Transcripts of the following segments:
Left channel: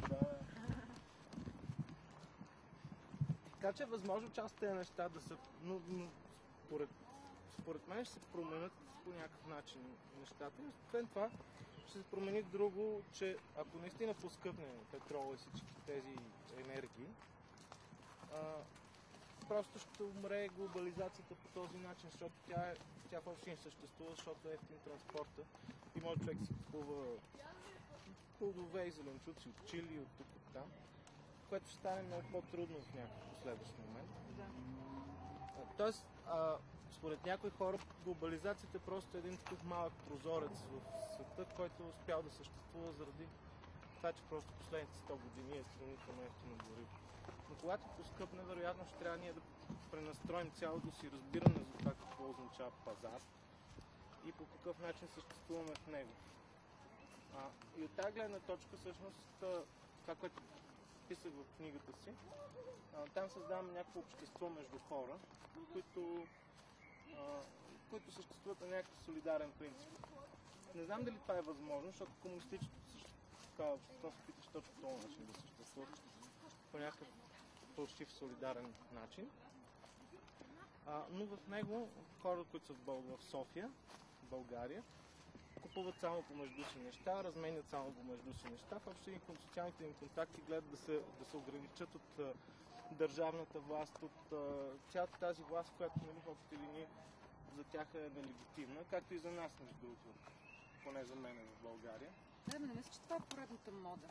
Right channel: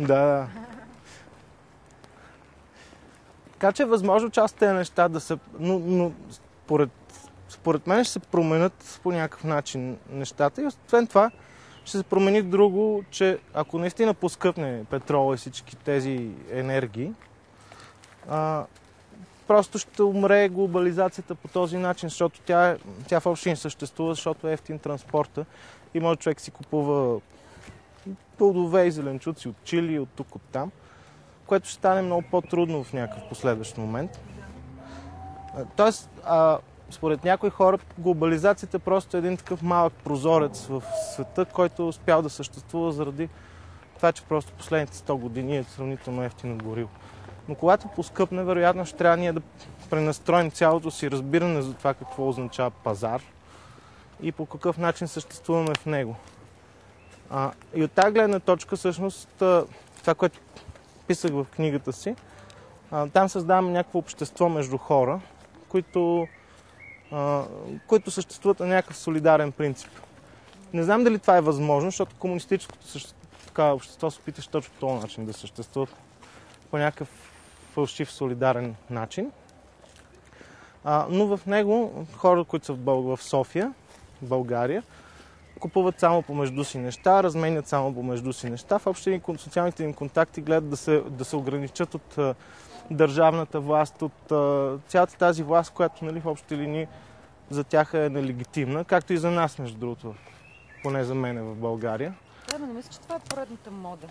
Да. Така че е възможно част от тези неща да са... Но според мен ще се променят по някакъв начин нещата и освен това ще се промени друго, че ако наистина поскъпне петрола и всички тези енергии, просто ще умре глобализацията по този начин, защото тя въобще не съществува, защото е ефтин транспорта и може човек си купува плодове и зеленчуци от Чили, от тук, от там, което ще стане много по-трудно в някакъв последващ момент. Тоест, според някои хора, глобализацията просто е един такъв малък прозорец в света, който е успял да съществува заради това, че просто последните 100 години е сравнително ефтино гориво. Но когато поскъпне, вероятно ще трябва ние да пренастроим цялото си разбиране за това какво означава пазар и по какъв начин съществуваме в него. И от тази гледна точка, всъщност, това, което писах в книгата си, там създаваме някакво общество между хора, които съществуват на някакъв солидарен принцип. Не знам дали това е възможно, защото комунистическото общество се опиташе точно по този начин да съществува по някакъв фалшив солидарен начин. Но в него хора, които са в София, в България, купуват само помежду си неща, разменят само помежду си неща. Въобще социалните им контакти гледат да се ограничат от държавната власт, от цялата тази власт, която, нали, в общи линии за тях е нелегитимна, както и за нас, между другото, поне за мен в България. Да, но не мисля, че това е поредната мода.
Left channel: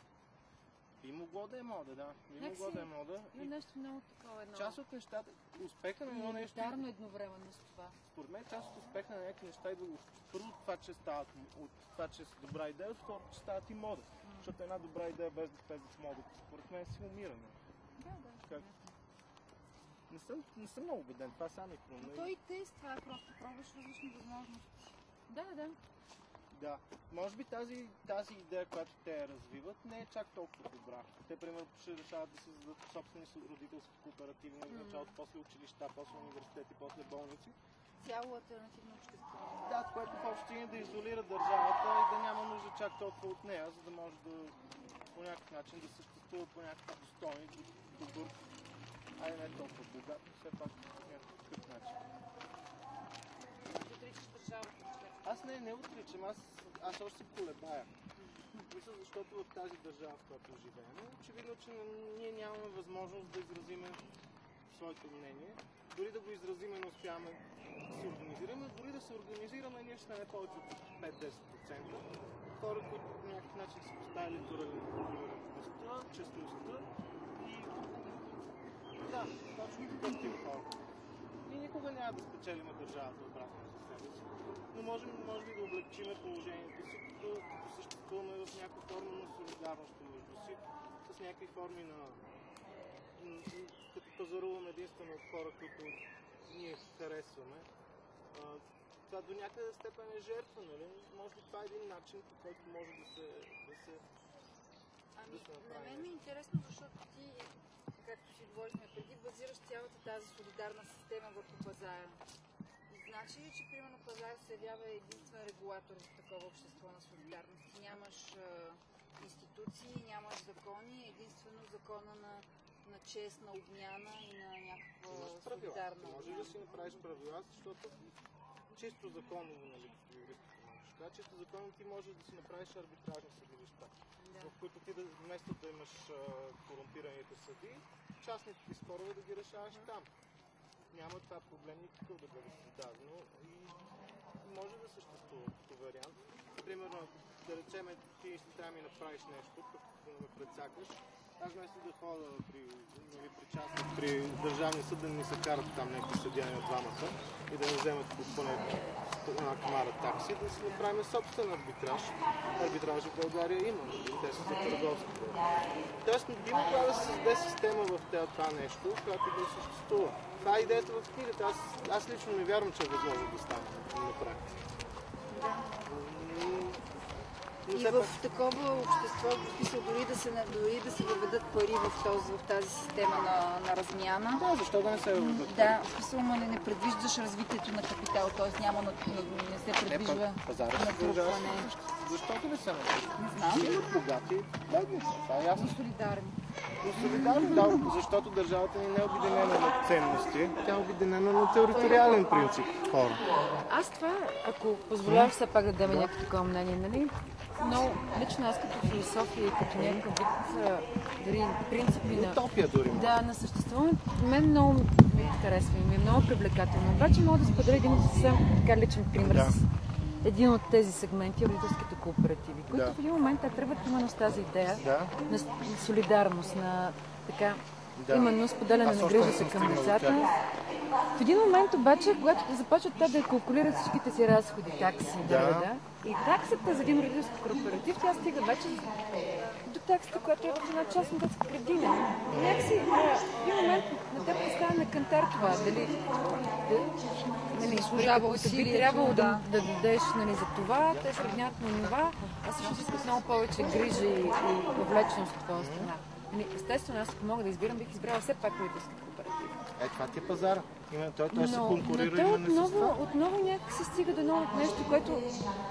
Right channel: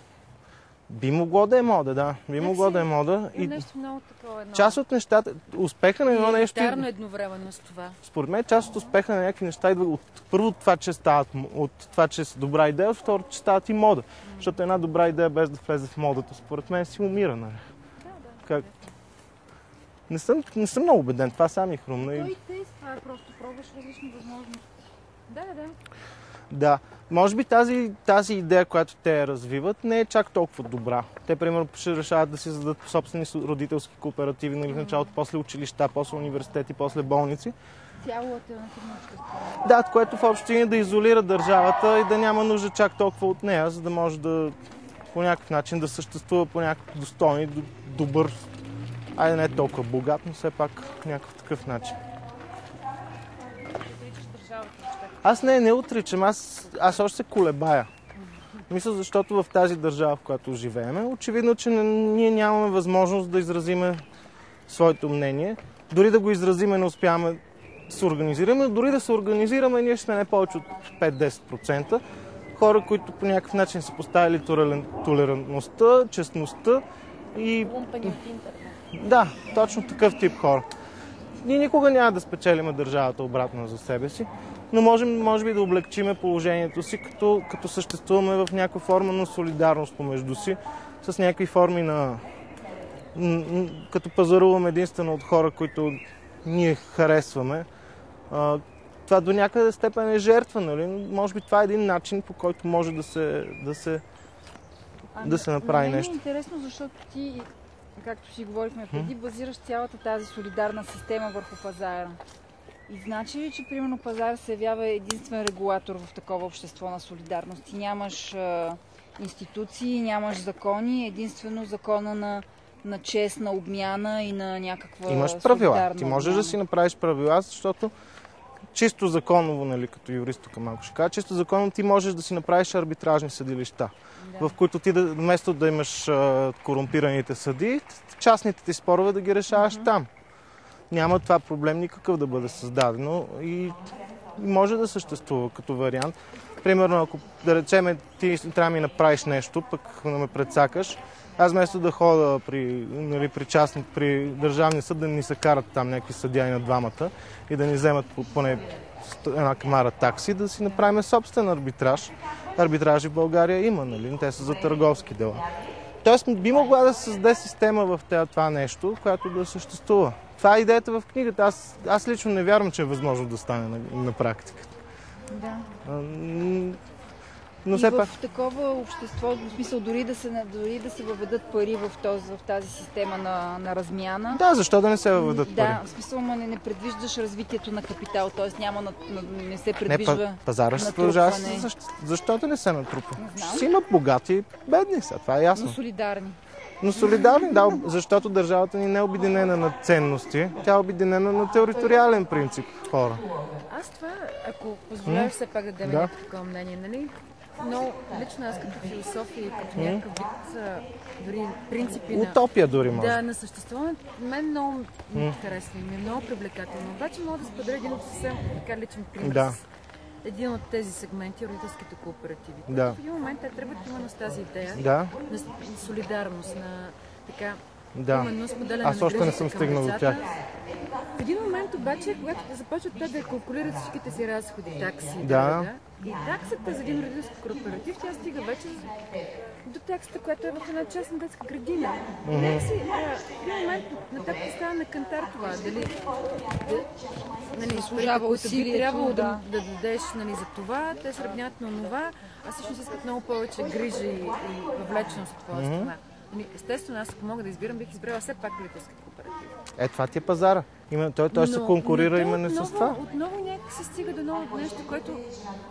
Би могло да е мода, да. Би могло да е мода. И нещо много такова едно. Част от нещата, успеха на едно нещо... Елитарно едновременно с това. Според мен част от успеха на някакви неща идва от първо това, че стават, от това, че са добра идея, от второ, че стават и мода. Защото една добра идея без да влезе в модата, според мен си умира, нали? Да. Не съм много убеден, това сам ми хрумна. Той и тества, просто пробваш различни възможности. Да. Да. Може би тази идея, която те развиват, не е чак толкова добра. Те, примерно, ще решават да си зададат собствени родителски кооперативи, нали, в началото, после училища, после университети, после болници. Цяло алтернативно общество. Да, което в общи линии да изолира държавата и да няма нужда чак толкова от нея, за да може да по някакъв начин да съществува по някакъв достойен, добър, айде не толкова богат, но все пак някакъв такъв начин. Аз не отричам, аз още се колебая. Мисля, защото в тази държава, в която живеем, очевидно, че ние нямаме възможност да изразиме своето мнение. Дори да го изразиме, не успяваме да се организираме. Дори да се организираме, ние ще сме не повече от 5-10%. Хора, които по някакъв начин са поставили толерантността, честността и... Лумпени от интернет. Да, точно такъв тип хора. Ние никога няма да спечелиме държавата обратно за себе си, но можем, може би, да облегчиме положението си, като съществуваме в някаква форма на солидарност помежду си, с някакви форми на... като пазаруваме единствено от хора, които ние харесваме. Това до някъде степен е жертва, нали? Може би това е един начин, по който може да се направи нещо. Е интересно, защото ти, както си говорихме преди, базираш цялата тази солидарна система върху пазара. И значи ли, че примерно пазар се явява единствен регулатор в такова общество на солидарност? Ти нямаш институции, нямаш закони, единствено закона на честна обмяна и на някаква имаш правила. солидарна Ти можеш обмяна. да си направиш правила, защото чисто законово, нали, като юрист тук малко ще кажа, чисто законово ти можеш да си направиш арбитражни съдилища, в които ти вместо да имаш корумпираните съдии, частните ти спорове да ги решаваш там. Няма това проблем никакъв да бъде създадено и може да съществува като вариант. Примерно, ако да речеме ти трябва да ми направиш нещо, пък да ме прецакаш, аз вместо да хода при държавния съд да ни се карат там някакви съдияни на двамата и да ни вземат поне една камара такси, да си направим собствен арбитраж. Арбитражи в България има, нали? Те са за търговски дела. Тоест би могла да се създаде система в това нещо, която да съществува. Това е идеята в книгата. Аз лично не вярвам, че е възможно да стане на практика. Да. Но и все в пак... такова общество, в смисъл дори да се въведат пари в тази система на размяна. Да, защо да не се въведат пари? Да, в смисъл не предвиждаш развитието на капитал, т.е. не се предвижда пазара ще продължава. Защото не се натрупва? Ще си имат богати, бедни са, това е ясно. Но солидарни, да, защото държавата ни не е обединена на ценности, тя е обединена на териториален принцип. Хора. Аз това, ако позволяваш все пак да дадем някакво такова мнение, нали? Но лично аз като философия и като някакъв дори принципи утопия дори може. Да, на съществуването мен много ми е интересно и ми е много привлекателно. Обаче мога да споделя един съвсем така личен пример с един от тези сегменти, родителските кооперативи, които в един момент те тръгват именно с тази идея на солидарност, на така именно споделяне на грижата към децата. В един момент обаче, когато започват те да калкулират всичките си разходи, такси, и таксата за един родителски кооператив, тя стига вече до таксата, която е в една частна детска градина. Такси, в един момент на теб става на кантар това, служава усилие, трябвало да дадеш за това, те сравняват на това, а също си много повече грижа и повлеченост от това страна. Естествено, аз ако мога да избирам, бих избрала все пак родителски кооператив. Това ти е пазара. Той се конкурира именно с това. Отново някак се стига до ново нещо, което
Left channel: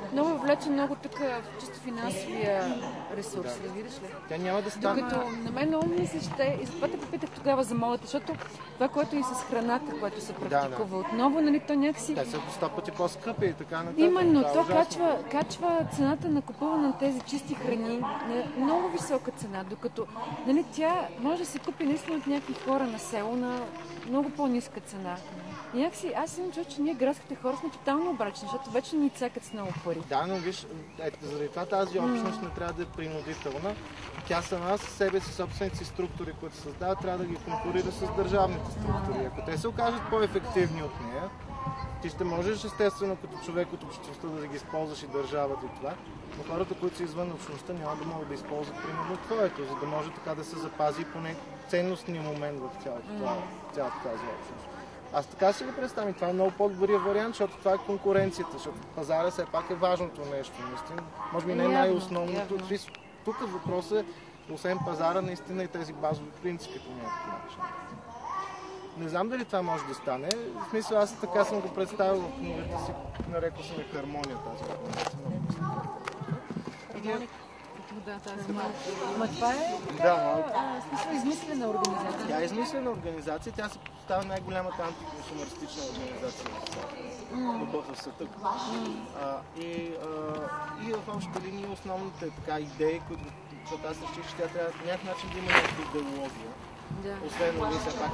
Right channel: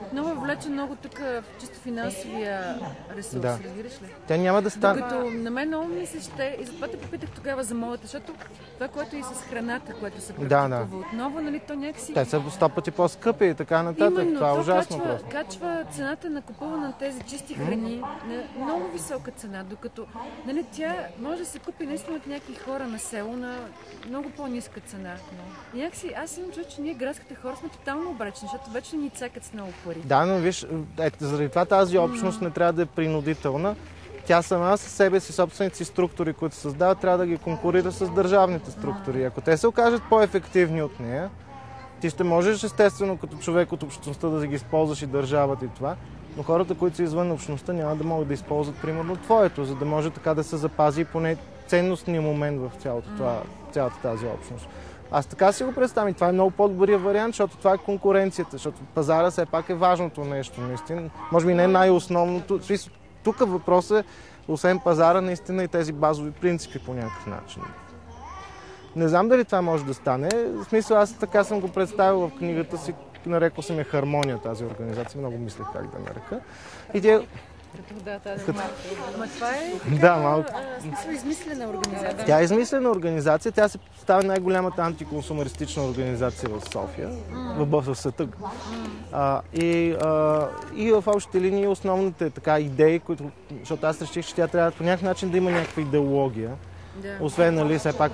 отново влече много тук в чисто финансовия ресурс, разбираш ли? Тя няма да стане. Докато на мен много ми се ще, и затова те попитах тогава за моята, защото това, което и с храната, което се практикува отново, то някакси... Те са 100 пъти по-скъпи и така нататък. Именно, това е ужасно. Качва цената на купуване на тези чисти храни на много висока цена, докато тя може да се купи наистина от някакви хора на село на много по-ниска цена. И някакси, аз имам чувство, че ние градските хора сме тотално обречени, защото вече ни цекат с много пари. Да, но виж, заради това тази общност не трябва да е принудителна. Тя сама със себе си, собствените си структури, които създава, трябва да ги конкурира с държавните структури. Ако те се окажат по-ефективни от нея, ти ще можеш естествено като човек от общността да ги използваш и държавата и това, но хората, които са извън общността, няма да могат да използват примерно твоето, за да може така да се запази поне ценностния момент в цялата тази общност. Аз така си го представям и това е много по-добрият вариант, защото това е конкуренцията, защото пазара все пак е важното нещо, наистина. Може би не е най-основното. Тук въпросът е, освен пазара, наистина и тези базови принципи по някакъв начин. Не знам дали това може да стане. В смисъл, аз така съм го представил в книгата си, нарекал съм я Хармония, тази организация, много мисля как да нарека. Това е измислена организация. Тя е измислена организация, тя се представя най-голямата антиконсумеристична организация в София, в света. И в общите линии основните идеи, защото аз реших, че тя трябва по някакъв начин да има някаква идеология. Освен, все пак,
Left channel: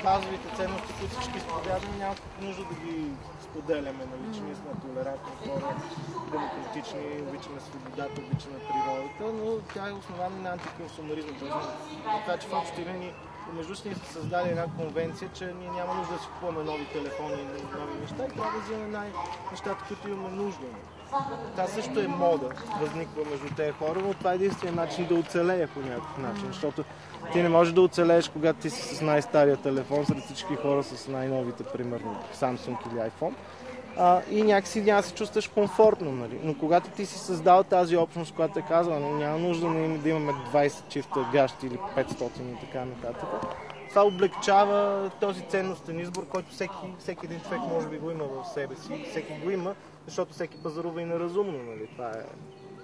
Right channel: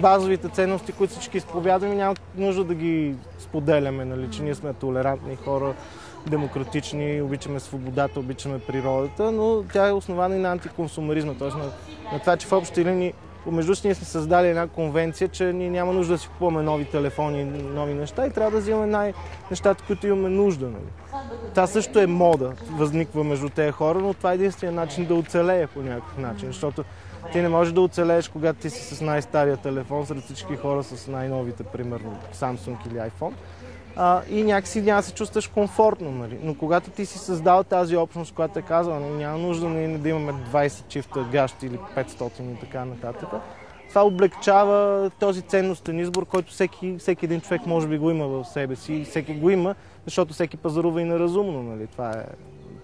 базовите ценности, които всички изповядаме, няма нужда да ги споделяме, че ние сме толерантни хора, демократични, обичаме свободата, обичаме природата, но тя е основана и на антиконсумеризма, т.е. на това, че в общи линии помежду си ние сме създали една конвенция, че ние няма нужда да си купуваме нови телефони, нови неща и трябва да взимаме нещата, които имаме нужда. Това също е мода, възниква между тези хора, но това е единственият начин да оцелее по някакъв начин, защото ти не можеш да оцелееш, когато ти си с най-стария телефон, сред всички хора с най-новите, примерно Samsung или iPhone. И някакси няма да се чувстваш комфортно. Но когато ти си създал тази общност, която е казала, няма нужда да имаме 20 чифта гащи или 500 и така нататък, това облегчава този ценностен избор, който всеки един човек може би го има в себе си и всеки го има, защото всеки пазарува и неразумно. Това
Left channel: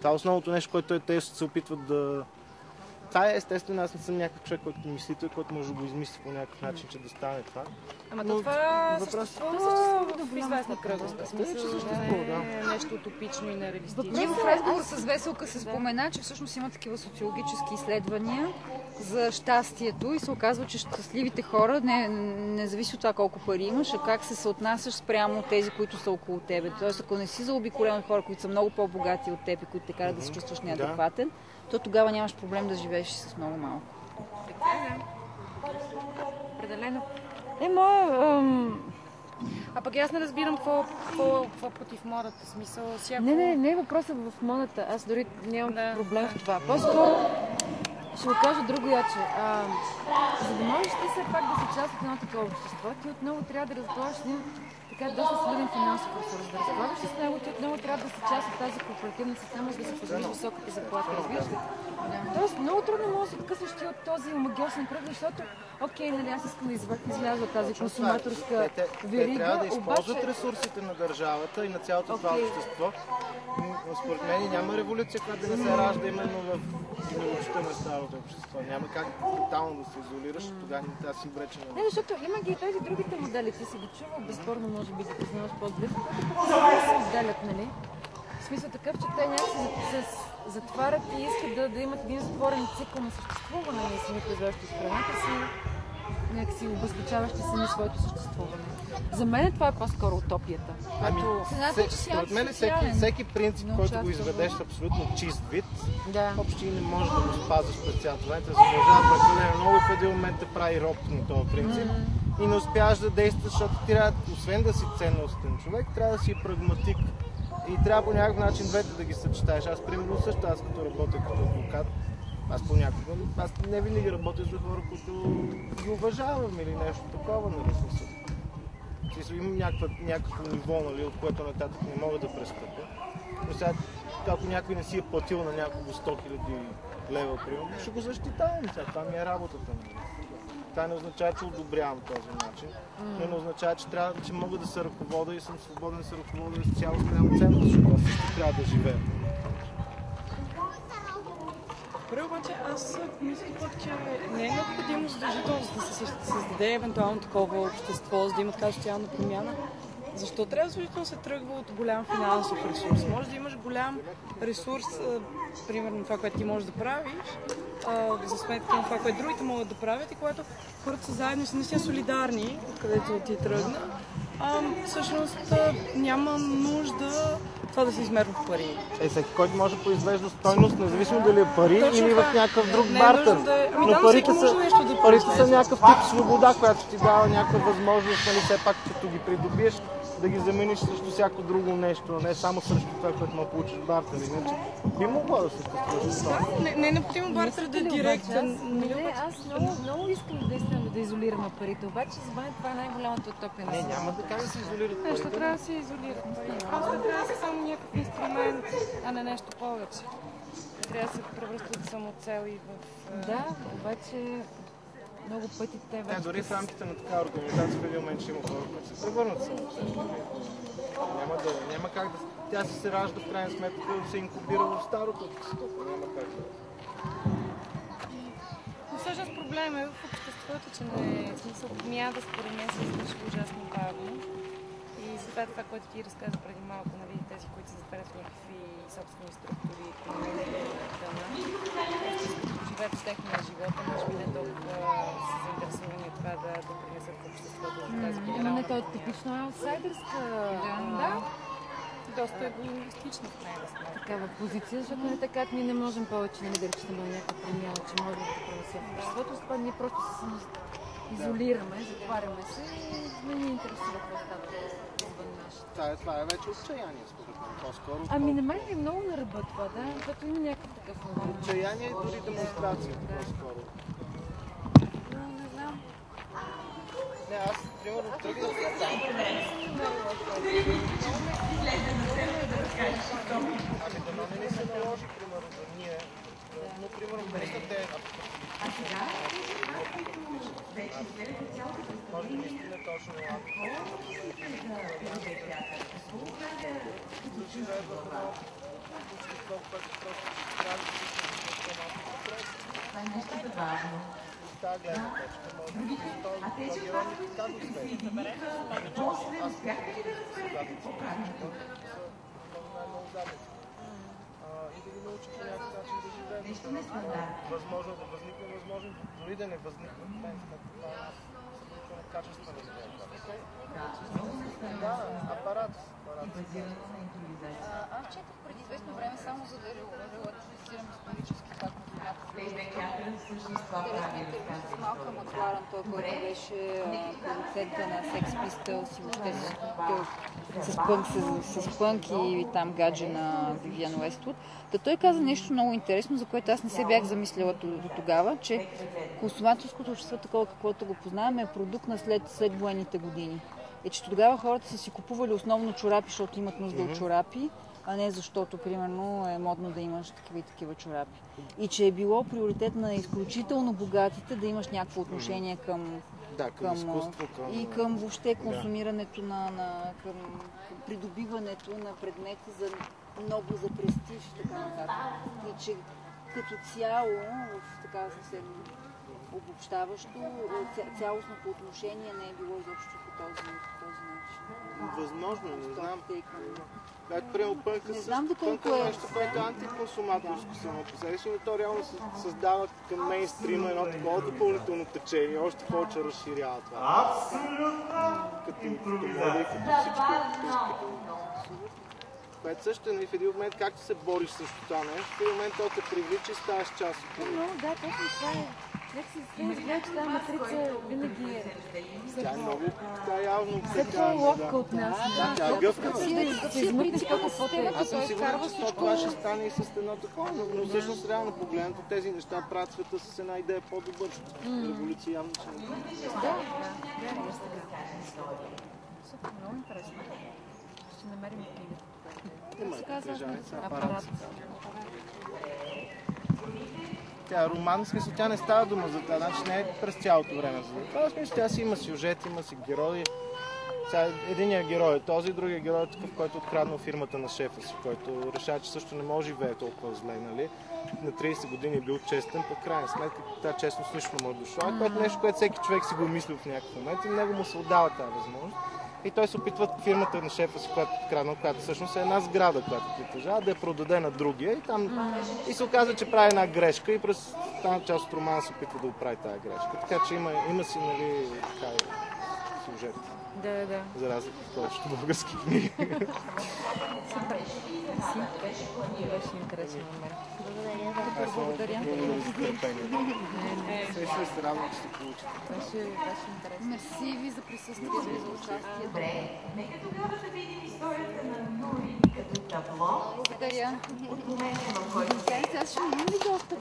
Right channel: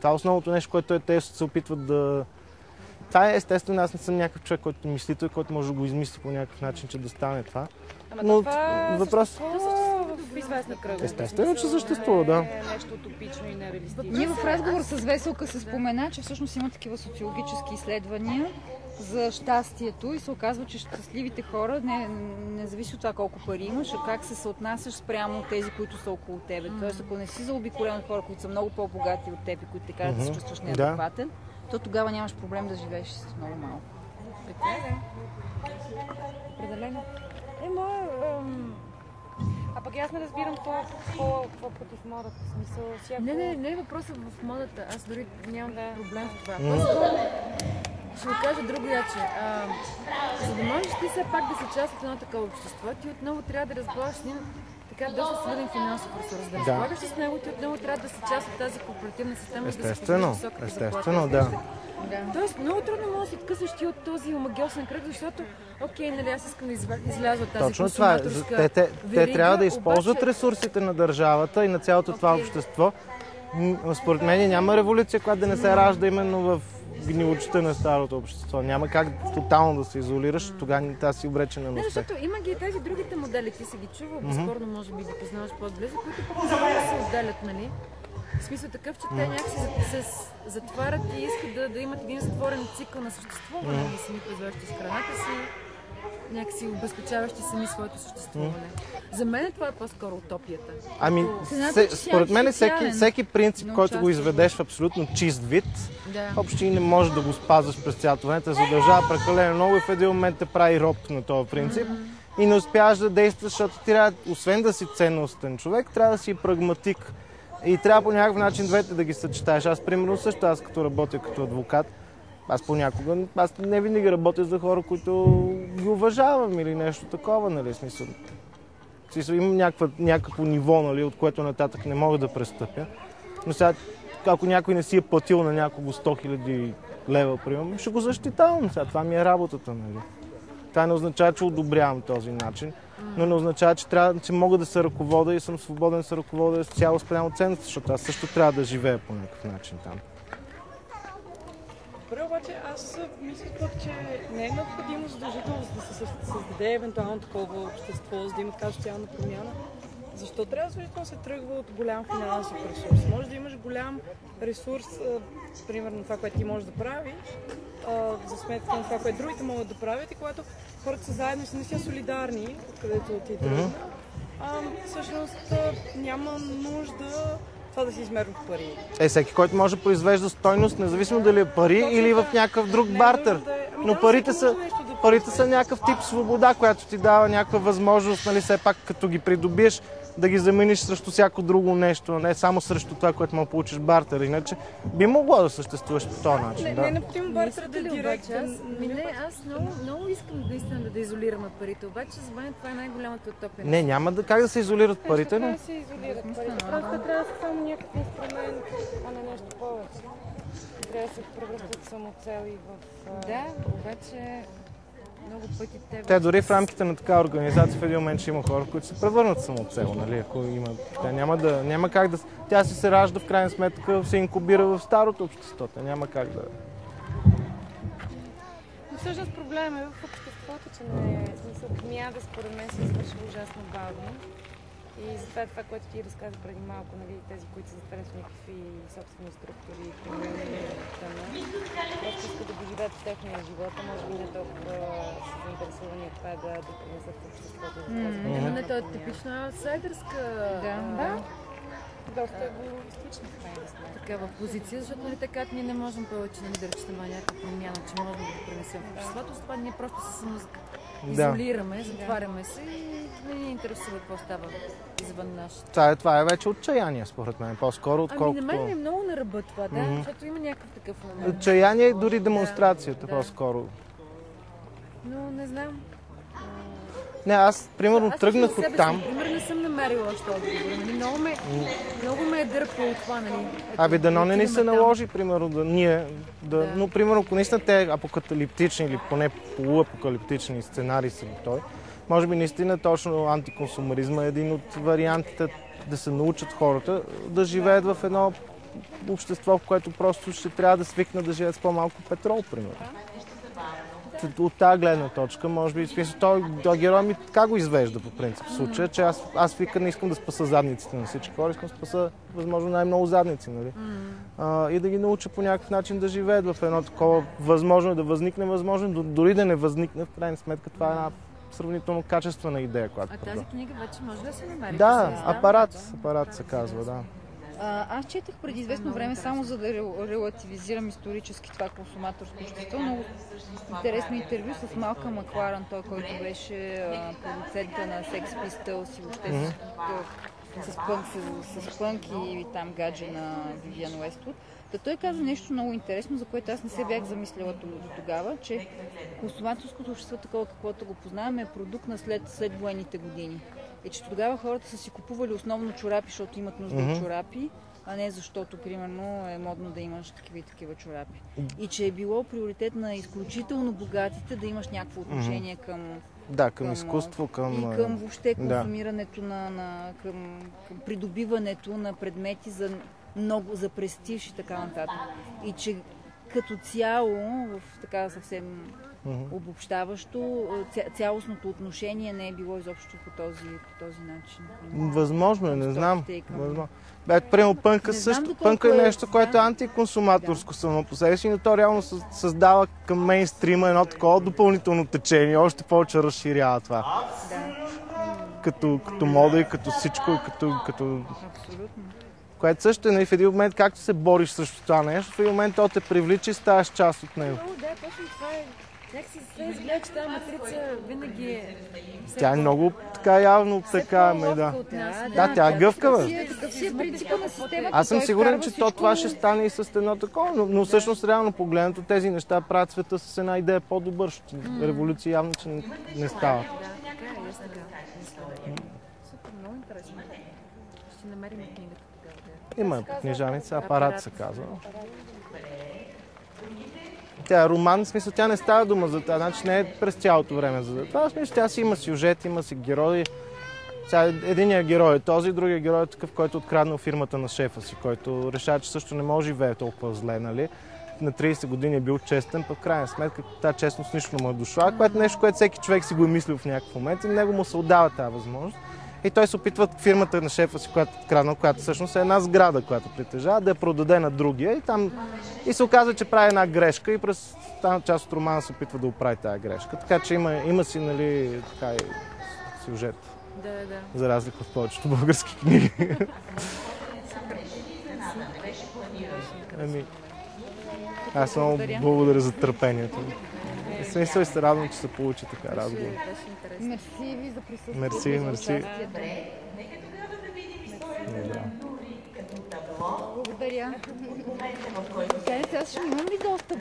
е основното нещо, което те ще се опитват да... Това е естествено, аз не съм някакъв човек, който мислител и който може да го измисли по някакъв начин, че да стане това. Но това съществува в известна кръга. Естествено, че съществува, да. Нещо утопично и нереалистично. И в разговор с Веселка се спомена, че всъщност има такива социологически изследвания за щастието и се оказва, че щастливите хора, не зависи от това колко пари имаш, а как се съотнасяш спрямо тези, които са около тебе. Тоест, ако не си заобиколен от хора, които са много по-богати от теб и които ти карат да се чувстваш неадекватен, то тогава нямаш проблем да живееш с много малко. А пък аз не разбирам какво против модата, смисъл всяко... Не е въпросът в модата, аз дори нямам проблем в това. По-скоро ще го кажа друго яче. За да можеш ти все пак да си част от едно такова общество, ти отново трябва да разгледаш един така доста силен финансов ресурс. Да разполагаш с него, ти отново трябва да си част от тази корпоративна система и да си позволи високата заплата. Да. Тоест, много трудно може да се откъснеш ти от този омагиосен кръг, защото окей, нали аз искам да изляза от тази консуматорска Те трябва да използват ресурсите на държавата и на цялото това общество. Според мен няма революция, която да не се ражда именно в гнилочта на старото общество. Няма как тотално да се изолираш, тогава не си обречена на успех. Защото има ги и тези другите модели, ти си ги чувал, безспорно може би ги познаваш по-близо, които просто се отделят, нали? В смисъл такъв, че те някакси се затварят и искат да имат един затворен цикъл на съществуване, нали, сами произвеждащи с храната си, някакси обезпечаващи сами своето съществуване. За мен това е по-скоро утопията. Според мен всеки принцип, който го изведеш в абсолютно чист вид, общо и не може да го спазваш през цялото време, да се държава прекалено много и в един момент те прави роб на този принцип и не успяваш да действаш, защото ти трябва, освен да си ценностен човек, трябва да си прагматик. И трябва по някакъв начин двете да ги съчетаеш. Аз, примерно, също като работя като адвокат, аз не винаги работя за хора, които ги уважавам или нещо такова, нали, смисъл. Имам някакво ниво, нали, от което нататък не мога да престъпя. Но сега, ако някой не си е платил на някого 100 000 лева, примерно, ще го защитавам. Сега, това ми е работата, нали. Това не означава, че одобрявам този начин, но не означава, че мога да се ръководя и съм свободен да се ръководя с цяло спрямо ценност, защото аз също трябва да живея по някакъв начин там. Първо обаче аз си мисля пък, че не е необходимо задължително да се създаде евентуално такова общество, за да има така социална промяна. Защо трябва задължително да се тръгва от голям финансов ресурс? Може да имаш голям ресурс, примерно това, което ти можеш да правиш, за сметка на това, което другите могат да правят и когато хората са заедно и са наистина солидарни, където не ти тръгна. Всъщност няма нужда това да се измерва в пари. Всеки, който може да произвежда стойност, независимо дали е пари или в някакъв друг бартер. Но парите са някакъв тип свобода, която ти дава някаква възможност, нали, все пак като ги придобиеш, да ги замениш срещу всяко друго нещо, а не само срещу това, което мога да получиш бартер. Иначе би могло да съществуваш по този начин. Не е необходимо бартерът да е директен. Аз много искам наистина да изолираме парите, обаче за мен това е най-голямата утопия. Не, няма как да се изолират парите. Трябва да се изолират парите. Просто не трябва да са само някакъв инструмент, а не нещо повече. Трябва да се превръщат самоцел и в... Да, обаче... Много пъти те дори в рамките на такава организация в един момент ще има хора, които се превърнат самоцел, нали? Няма как да... Тя се ражда в крайна сметка, се инкубира в старото общество. Няма как да... Но всъщност проблема е в обществото, че не е смисъл промяната, според мен се извършва ужасно бавно. И за това, което ти разказа преди малко, нали, тези, които се затварят в някакви собствени структури, искат да поживеят в техния живот, може би не толкова са заинтересовани от това да принесат в обществото. Не, това е типична аутсайдерска. Да. Доста егоистична такава позиция, защото не така, ние не можем повече да разчитаме на някаква промяна, че можем да принесем в обществото. С това ние просто се изолираме, затваряме се и не ни интересува какво става извън нашите. Това е вече отчаяние, според мен, по-скоро, отколкото... на мен е много на ръба това, да, защото има някакъв такъв момент. Отчаяние и дори демонстрацията, по-скоро. Но не знам. Не, аз, примерно, тръгнах от там. Не съм намерила още отговор. Много ме е дърпало това. Дано не ни се наложи, примерно, но, примерно, ако наистина те апокалиптични или поне полуапокалиптични сценарии са готови, може би наистина точно антиконсумеризма е един от вариантите да се научат хората да живеят в едно общество, в което просто ще трябва да свикне да живеят с по-малко петрол, примерно. От тази гледна точка, може би, той герой ми така го извежда по принцип в случая, че аз вика не искам да спаса задниците на всички хора, искам да спаса възможно най-много задници, нали? И да ги науча по някакъв начин да живеят в едно такова възможно да възникне, възможно дори да не възникне, в крайна сметка това е една сравнително качествена идея, която тази книга вече може да се намери. Да, апарат се казва, да. Аз четах преди известно време, само за да релативизирам исторически това консуматорско общество, но интересно интервю с Малкъм Макларън, той, който беше продуцента на Sex Pistols и въобще с пънк и там гадже на Вивиан Уествуд. Той каза нещо много интересно, за което аз не се бях замислила до тогава, че консуматорското общество, такова каквото го познаваме, е продукт на след военните години. е, че тогава хората са си купували основно чорапи, защото имат нужда от чорапи, а не защото, примерно, е модно да имаш такива и такива чорапи. И че е било приоритет на изключително богатите да имаш някакво отношение към... Да, към изкуство, към... И към въобще консумирането към придобиването на предмети за много, за престиж и така нататък. И че като цяло, в така съвсем обобщаващо, цялостното отношение не е било изобщо по този начин. Възможно е, не знам. Примерно пънка също. Пънка е нещо, което е антиконсуматорско само по себе си, но то реално създава към мейнстрима едно такова допълнително течение, още повече разширява това. Като мода и като всичко, като... Което също е в един момент, както се бориш срещу това нещо, в един момент то те привлича и ставаш част от него. Да, точно това е. Че тази матрица винаги е... Тя е много така явно така, да, тя е гъвкава. Аз съм сигурен, че това ще стане и с едно такова, но всъщност реално погледнато тези неща правят света с една идея по-добър, защото революция явно, че не става. Има книжаница, апарат се казва. Тя е роман, в смисъл, тя не става дума за това, значи не е през цялото време за това. В смисъл, тя си има сюжет, има си герои. Единият герой е този, другия герой е такъв, който откраднал фирмата на шефа си, който решава, че също не може да живее толкова зле, нали? На 30 години е бил честен, пък в крайна сметка тази честност нищо не му е дошла, което е нещо, което всеки човек си го е мислил в някакъв момент и него му се отдава тази възможност. И той се опитва фирмата на шефа си, която е откраднал, която всъщност е една сграда, която притежава, да я продаде на другия и се оказва, че прави една грешка и през тази част от романа се опитва да оправи тази грешка. Така че има си, нали, така и сюжет. Да. За разлика от повечето български книги. Аз много благодаря за търпението. Смисъл и се радвам, че се получи така разговор. Мерси ви за присъствието. Мерси. Добре, нека тогава да видим историята като табло. Благодаря. От момента, в който... Сега ще видим видеото.